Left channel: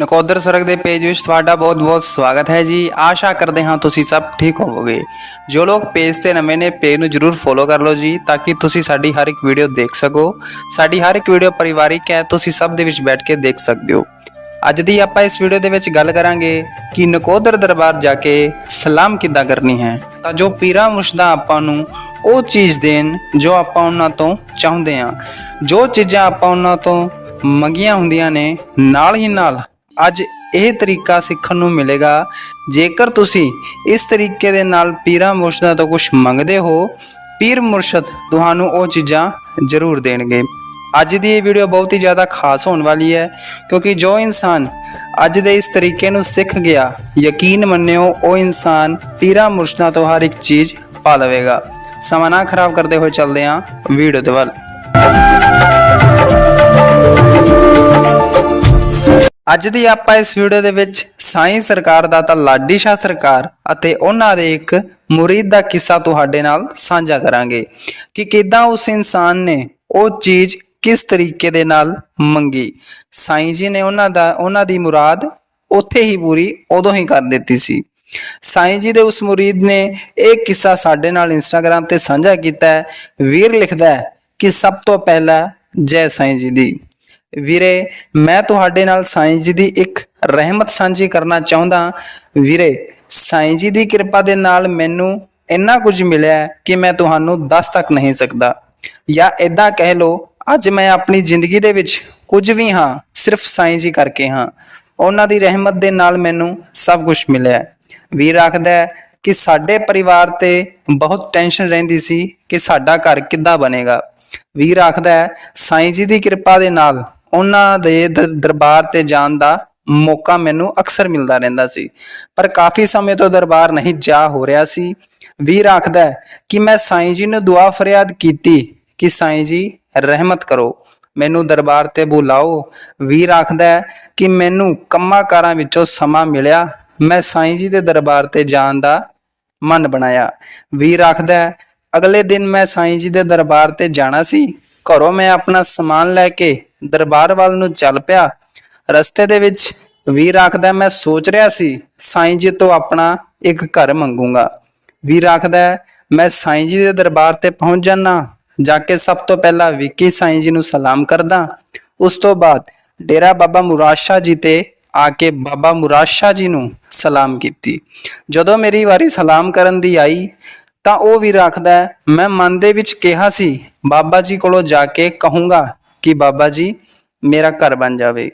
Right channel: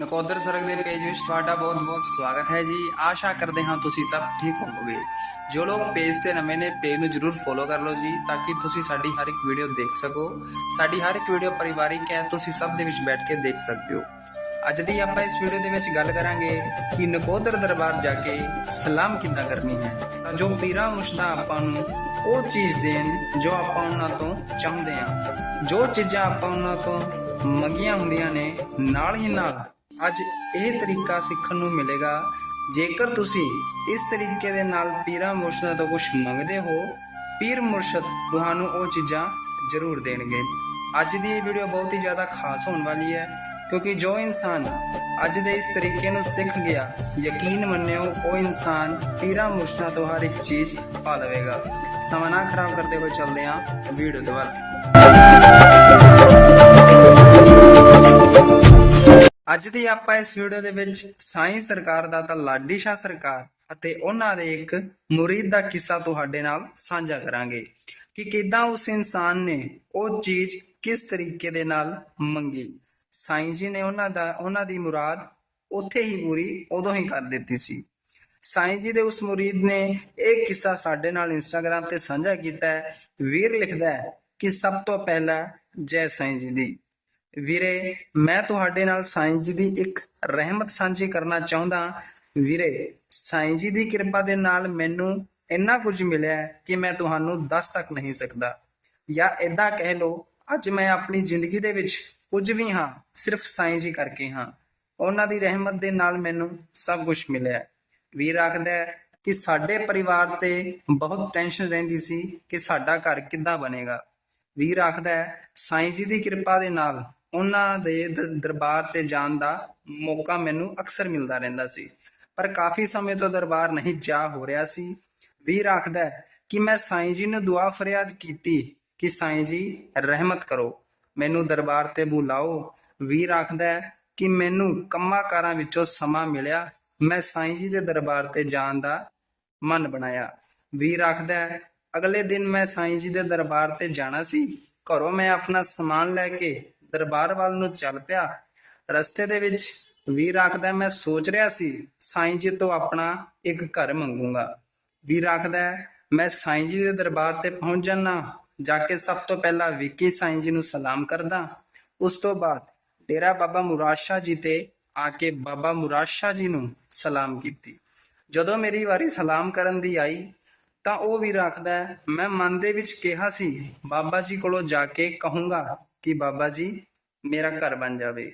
ਨਕੋਦਰ ਸਰਗ ਦੇ ਪੇਜ ਵਿੱਚ ਤੁਹਾਡਾ ਬਹੁਤ-ਬਹੁਤ ਸਵਾਗਤ ਹੈ ਜੀ। ਆਸ਼ਾ ਕਰਦੇ ਹਾਂ ਤੁਸੀਂ ਸਭ ਠੀਕ ਹੋਵੋਗੇ। ਜੋ ਲੋਕ ਪੇਜ ਤੇ ਨਵੇਂ ਨੇ, ਪੇਜ ਨੂੰ ਜਰੂਰ ਫੋਲੋ ਕਰ ਲਓ ਜੀ, ਤਾਂ ਕਿ ਤੁਸੀਂ ਸਾਡੀ ਹਰ ਇੱਕ ਵੀਡੀਓ ਦੇਖ ਸਕੋ। ਸਾਡੀ ਹਰ ਇੱਕ ਵੀਡੀਓ ਪਰਿਵਾਰਿਕ ਹੈ, ਤੁਸੀਂ ਸਭ ਦੇ ਵਿੱਚ ਬੈਠ ਕੇ ਦੇਖ ਸਕਦੇ ਹੋ। ਅੱਜ ਦੀ ਆਪਾਂ ਇਸ ਵੀਡੀਓ ਦੇ ਵਿੱਚ ਗੱਲ ਕਰਾਂਗੇ ਕਿ ਨਕੋਦਰ ਦਰਬਾਰ ਜਾ ਕੇ ਸਲਾਮ ਕਿੱਦਾਂ ਕਰਨੀ ਹੈ। ਤਾਂ ਜੋ ਪੀਰਾ ਮੁਸ਼ਦਾ ਆਪਾਂ ਨੂੰ ਉਹ ਚੀਜ਼ ਦੇਣ ਜੋ ਆਪਾਂ ਉਹਨਾਂ ਤੋਂ ਚਾਹੁੰਦੇ ਹਾਂ। ਜੋ ਚੀਜ਼ਾਂ ਆਪਾਂ ਉਹਨਾਂ ਤੋਂ ਮੰਗੀਆਂ ਹੁੰਦੀਆਂ ਨੇ, ਨਾਲ ਹੀ ਨਾਲ ਅੱਜ ਇਹ ਤਰੀਕਾ ਸਿੱਖਣ ਨੂੰ ਮਿਲੇਗਾ। ਜੇਕਰ ਤੁਸੀਂ ਇਸ ਤਰੀਕੇ ਦੇ ਨਾਲ ਪੀਰਾਂ ਮੁਰਸ਼ਿਦਾਂ ਤੋਂ ਕੁਝ ਮੰਗਦੇ ਹੋ, ਪੀਰ ਮੁਰਸ਼ਦ ਤੁਹਾਨੂੰ ਉਹ ਚੀਜ਼ਾਂ ਜ਼ਰੂਰ ਦੇਣਗੇ। ਅੱਜ ਦੀ ਇਹ ਵੀਡੀਓ ਬਹੁਤ ਹੀ ਜ਼ਿਆਦਾ ਖਾਸ ਹੋਣ ਵਾਲੀ ਹੈ, ਕਿਉਂਕਿ ਜੋ ਇਨਸਾਨ ਅੱਜ ਦੇ ਇਸ ਤਰੀਕੇ ਨੂੰ ਸਿੱਖ ਗਿਆ, ਯਕੀਨ ਮੰਨਿਓ, ਉਹ ਇਨਸਾਨ ਪੀਰਾਂ ਮੁਰਸ਼ਿਦਾਂ ਤੋਂ ਹਰ ਇੱਕ ਚੀਜ਼ ਪਾ ਲਵੇਗਾ। ਸਮਾਂ ਨਾ ਖਰਾਬ ਕਰਦੇ ਹੋਏ ਚੱਲਦੇ ਹਾਂ ਵੀਡੀਓ ਦੇ ਵੱਲ। ਅੱਜ ਦੀ ਆਪਾਂ ਇਸ ਵੀਡੀਓ ਦੇ ਵਿੱਚ ਸਾਈਂ ਸਰਕਾਰ ਦਾ ਤਾਂ ਲਾਡੀ ਸ਼ਾਹ ਸਰਕਾਰ ਅਤੇ ਉਹਨਾਂ ਦੇ ਇੱਕ ਮੁਰੀਦ ਦਾ ਕਿੱਸਾ ਤੁਹਾਡੇ ਨਾਲ ਸਾਂਝਾ ਕਰਾਂਗੇ ਕਿ ਕਿਦਾਂ ਉਸ ਇਨਸਾਨ ਨੇ ਉਹ ਚੀਜ਼ ਕਿਸ ਤਰੀਕੇ ਦੇ ਨਾਲ ਮੰਗੀ। ਸਾਈਂ ਜੀ ਨੇ ਉਹਨਾਂ ਦਾ, ਉਹਨਾਂ ਦੀ ਮੁਰਾਦ ਉੱਥੇ ਹੀ ਪੂਰੀ ਉਦੋਂ ਹੀ ਕਰ ਦਿੱਤੀ ਸੀ। ਸਾਈਂ ਜੀ ਦੇ ਉਸ ਮੁਰੀਦ ਨੇ ਇਹ ਕਿੱਸਾ ਸਾਡੇ ਨਾਲ ਇੰਸਟਾਗ੍ਰam ਤੇ ਸਾਂਝਾ ਕੀਤਾ ਹੈ। ਵੀਰ ਲਿਖਦਾ ਹੈ ਕਿ ਸਭ ਤੋਂ ਪਹਿਲਾਂ ਜੈ ਸਾਈਂ ਜੀ ਦੀ। ਵੀਰੇ, ਮੈਂ ਤੁਹਾਡੇ ਨਾਲ ਸਾਈਂ ਜੀ ਦੀ ਇੱਕ ਰਹਿਮਤ ਸਾਂਝੀ ਕਰਨਾ ਚਾਹੁੰਦਾ ਵੀਰੇ, ਸਾਈਂ ਜੀ ਦੀ ਕਿਰਪਾ ਦੇ ਨਾਲ ਮੈਨੂੰ ਇੰਨਾ ਕੁਝ ਮਿਲਿਆ ਕਿ ਮੈਂ ਤੁਹਾਨੂੰ ਦੱਸ ਤੱਕ ਨਹੀਂ ਸਕਦਾ। ਜਾਂ ਇਦਾਂ ਕਹਿ ਲਓ, ਅੱਜ ਮੈਂ ਆਪਣੀ ਜ਼ਿੰਦਗੀ ਦੇ ਵਿੱਚ ਕੁਝ ਵੀ ਹਾਂ, ਸਿਰਫ ਸਾਈਂ ਜੀ ਕਰਕੇ ਹਾਂ। ਉਹਨਾਂ ਦੀ ਰਹਿਮਤ ਦੇ ਨਾਲ ਮੈਨੂੰ ਸਭ ਕੁਝ ਮਿਲਿਆ ਵੀਰ ਆਖਦਾ ਕਿ ਸਾਡੇ ਪਰਿਵਾਰ ਤੇ ਬਹੁਤ ਟੈਨਸ਼ਨ ਰਹਿੰਦੀ ਸੀ ਕਿ ਸਾਡਾ ਘਰ ਕਿੱਦਾਂ ਬਣੇਗਾ। ਵੀਰ ਆਖਦਾ ਹੈ, ਸਾਈਂ ਜੀ ਦੀ ਕਿਰਪਾ ਦੇ ਨਾਲ ਉਹਨਾਂ ਦੇ ਦ- ਦਰਬਾਰ ਤੇ ਜਾਣ ਦਾ ਮੌਕਾ ਮੈਨੂੰ ਅਕਸਰ ਮਿਲਦਾ ਰਹਿੰਦਾ ਸੀ। ਪਰ ਕਾਫੀ ਸਮੇਂ ਤੋਂ ਦਰਬਾਰ ਨਹੀਂ ਜਾ ਹੋ ਰਿਹਾ ਸੀ। ਵੀਰ ਆਖਦਾ ਕਿ ਮੈਂ ਸਾਈਂ ਜੀ ਨੂੰ ਦੁਆ ਫਰਿਆਦ ਕੀਤੀ ਕਿ ਸਾਈਂ ਜੀ ਰਹਿਮਤ ਕਰੋ। ਮੈਨੂੰ ਦਰਬਾਰ ਤੇ ਬੁਲਾਓ। ਵੀਰ ਆਖਦਾ ਕਿ ਮੈਨੂੰ ਕੰਮਾਂ ਕਾਰਾਂ ਵਿੱਚੋਂ ਸਮਾਂ ਮਿਲਿਆ। ਮੈਂ ਸਾਈਂ ਜੀ ਦੇ ਦਰਬਾਰ ਤੇ ਜਾਣ ਦਾ ਮਨ ਬਣਾਇਆ। ਵੀਰ ਆਖਦਾ ਅਗਲੇ ਦਿਨ ਮੈਂ ਸਾਈਂ ਜੀ ਦੇ ਦਰਬਾਰ ਤੇ ਜਾਣਾ ਸੀ। ਘਰੋਂ ਮੈਂ ਆਪਣਾ ਸਮਾਨ ਲੈ ਕੇ ਦਰਬਾਰ ਵੱਲ ਨੂੰ ਚੱਲ ਪਿਆ। ਰਸਤੇ ਦੇ ਵਿੱਚ ਵੀਰ ਆਖਦਾ, ਮੈਂ ਸੋਚ ਰਿਹਾ ਸੀ ਸਾਈਂ ਜੀ ਤੋਂ ਆਪਣਾ ਇੱਕ ਘਰ ਮੰਗੂੰਗਾ। ਵੀਰ ਆਖਦਾ, ਮੈਂ ਸਾਈਂ ਜੀ ਦੇ ਦਰਬਾਰ ਤੇ ਪਹੁੰਚ ਜਾਣਾ ਜਾ ਕੇ ਸਭ ਤੋਂ ਪਹਿਲਾਂ ਵਿੱਕੀ ਸਾਈਂ ਜੀ ਨੂੰ ਸਲਾਮ ਕਰਦਾ। ਉਸ ਤੋਂ ਬਾਅਦ ਡੇਰਾ ਬਾਬਾ ਮੁਰਾਦ ਜੀ ਤੇ ਆ ਕੇ ਬਾਬਾ ਮੁਰਾਦ ਜੀ ਨੂੰ ਸਲਾਮ ਕੀਤੀ। ਜਦੋਂ ਮੇਰੀ ਵਾਰੀ ਸਲਾਮ ਕਰਨ ਦੀ ਆਈ ਤਾਂ ਉਹ ਵੀ ਰੱਖਦਾ ਮੈਂ ਮਨ ਦੇ ਵਿੱਚ ਕਿਹਾ ਸੀ, ਬਾਬਾ ਜੀ ਕੋਲੋਂ ਜਾ ਕੇ ਕਹੂੰਗਾ ਕਿ ਬਾਬਾ ਜੀ, ਮੇਰਾ ਘਰ ਬਣ ਜਾਵੇ।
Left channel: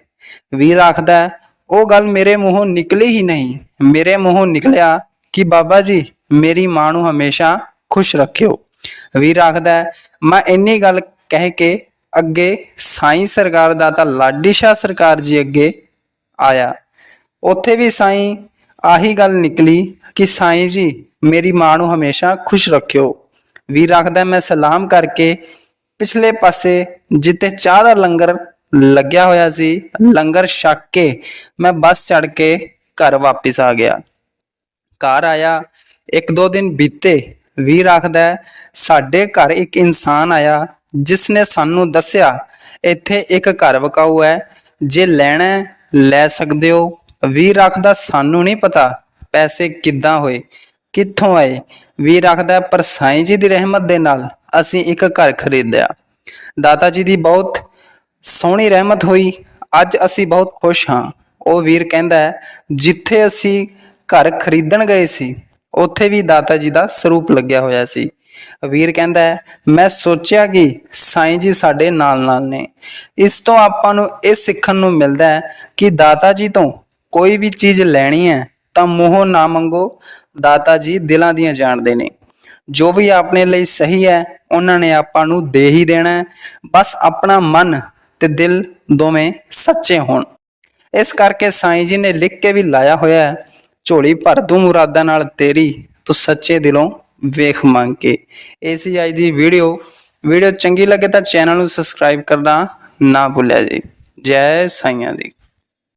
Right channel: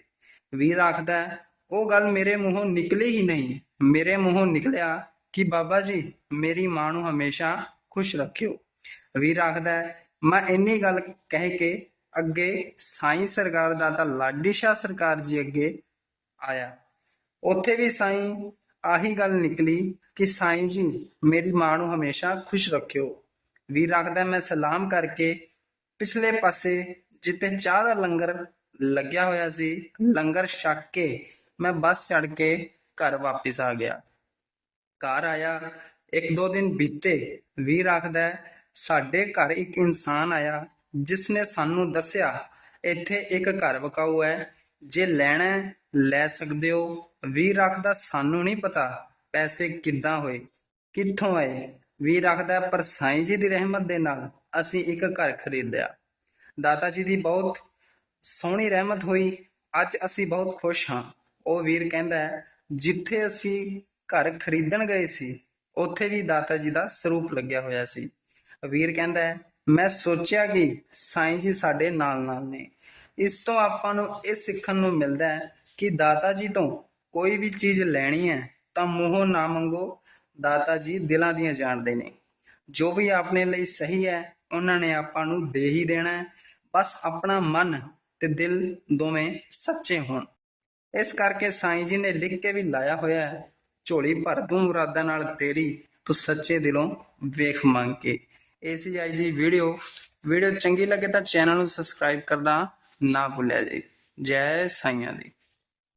ਵੀਰ ਆਖਦਾ ਉਹ ਗੱਲ ਮੇਰੇ ਮੂੰਹੋਂ ਨਿਕਲੀ ਹੀ ਨਹੀਂ। ਮੇਰੇ ਮੂੰਹੋਂ ਨਿਕਲਿਆ ਕਿ ਬਾਬਾ ਜੀ, ਮੇਰੀ ਮਾਂ ਨੂੰ ਹਮੇਸ਼ਾ ਖੁਸ਼ ਰੱਖਿਓ। ਵੀਰ ਆਖਦਾ ਮੈਂ ਇੰਨੀ ਗੱਲ ਕਹਿ ਕੇ ਅੱਗੇ ਸਾਈਂ ਸਰਕਾਰ ਦਾ ਤਾਂ ਲਾਡੀ ਸ਼ਾਹ ਸਰਕਾਰ ਜੀ ਅੱਗੇ ਆਇਆ। ਉੱਥੇ ਵੀ ਸਾਈਂ ਆਹੀ ਗੱਲ ਨਿਕਲੀ ਕਿ ਸਾਈਂ ਜੀ, ਮੇਰੀ ਮਾਂ ਨੂੰ ਹਮੇਸ਼ਾ ਖੁਸ਼ ਰੱਖਿਓ। ਵੀਰ ਆਖਦਾ, ਮੈਂ ਸਲਾਮ ਕਰਕੇ ਪਿਛਲੇ ਪਾਸੇ ਜਿੱਥੇ ਚਾਹ ਦਾ ਲੰਗਰ ਲੱਗਿਆ ਹੋਇਆ ਸੀ, ਲੰਗਰ ਛੱਕ ਕੇ ਮੈਂ ਬੱਸ ਚੜ ਕੇ ਘਰ ਵਾਪਸ ਆ ਗਿਆ। ਘਰ ਆਇਆ, ਇੱਕ ਦੋ ਦਿਨ ਬੀਤੇ, ਵੀਰ ਆਖਦਾ, ਸਾਡੇ ਘਰ ਇੱਕ ਇਨਸਾਨ ਆਇਆ, ਜਿਸ ਨੇ ਸਾਨੂੰ ਦੱਸਿਆ, ਇੱਥੇ ਇੱਕ ਘਰ ਵਕਾਊ ਹੈ, ਜੇ ਲੈਣਾ ਲੈ ਸਕਦੇ ਹੋ। ਵੀਰ ਆਖਦਾ ਸਾਨੂੰ ਨਹੀਂ ਪਤਾ ਪੈਸੇ ਕਿੱਦਾਂ ਹੋਏ ਕਿੱਥੋਂ ਆਏ ਵੀਰ ਆਖਦਾ ਹੈ, ਪਰ ਸਾਈਂ ਜੀ ਦੀ ਰਹਿਮਤ ਦੇ ਨਾਲ ਅਸੀਂ ਇੱਕ ਘਰ ਖਰੀਦਿਆ। ਦਾਤਾ ਜੀ ਦੀ ਬਹੁਤ ਸੋਹਣੀ ਰਹਿਮਤ ਹੋਈ ਅੱਜ ਅਸੀਂ ਬਹੁਤ ਖੁਸ਼ ਹਾਂ। ਉਹ ਵੀਰ ਕਹਿੰਦਾ ਹੈ, ਜਿੱਥੇ ਅਸੀਂ ਘਰ ਖਰੀਦਣ ਗਏ ਸੀ ਉੱਥੇ ਵੀ ਦਾਤਾ ਜੀ ਦਾ ਸਰੂਪ ਲੱਗਿਆ ਹੋਇਆ ਸੀ। ਵੀਰ ਕਹਿੰਦਾ ਹੈ, ਮੈਂ ਸੋਚਿਆ ਕਿ ਸਾਈਂ ਜੀ ਸਾਡੇ ਨਾਲ ਨਾਲ ਨੇ। ਇਸ ਤੋਂ ਆਪਾਂ ਨੂੰ ਇਹ ਸਿੱਖਣ ਨੂੰ ਮਿਲਦਾ ਹੈ ਕਿ ਦਾਤਾ ਜੀ ਤੋਂ ਕੋਈ ਵੀ ਚੀਜ਼ ਲੈਣੀ ਹੈ, ਤਾਂ ਮੂੰਹੋਂ ਨਾ ਮੰਗੋ। ਦਾਤਾ ਜੀ ਦਿਲਾਂ ਦੀਆਂ ਜਾਣਦੇ ਨੇ। ਜੋ ਵੀ ਆਪਣੇ ਲਈ ਸਹੀ ਹੈ, ਉਹਨਾਂ ਨੇ ਆਪਾਂ ਨੂੰ ਦੇ ਹੀ ਦੇਣਾ ਹੈ। ਬਸ ਆਪਣਾ ਮਨ ਤੇ ਦਿਲ ਦੋਵੇਂ ਸੱਚੇ ਹੋਣ। ਇਸ ਕਰਕੇ ਸਾਈਂ ਜੀ ਨੇ ਲਿਖ ਕੇ ਵੀ ਲਾਇਆ ਹੋਇਆ ਹੈ, ਝੋਲੀ ਭਰ ਦੂੰ ਮੁਰਾਦਾਂ ਨਾਲ ਤੇਰੀ, ਤੂੰ ਸੱਚੇ ਦਿਲੋਂ ਵੇਖ ਮੰਗ ਕੇ। ਇਹ ਸੀ ਅੱਜ ਦੀ ਵੀਡੀਓ ਵੀਡੀਓ ਚੰਗੀ ਲੱਗੇ ਤਾਂ ਚੈਨਲ ਨੂੰ ਸਬਸਕ੍ਰਾਈਬ ਕਰਨਾ ਨਾ ਭੁੱਲਿਆ ਜੀ। ਜੈ ਸਾਈਆਂ ਦੀ।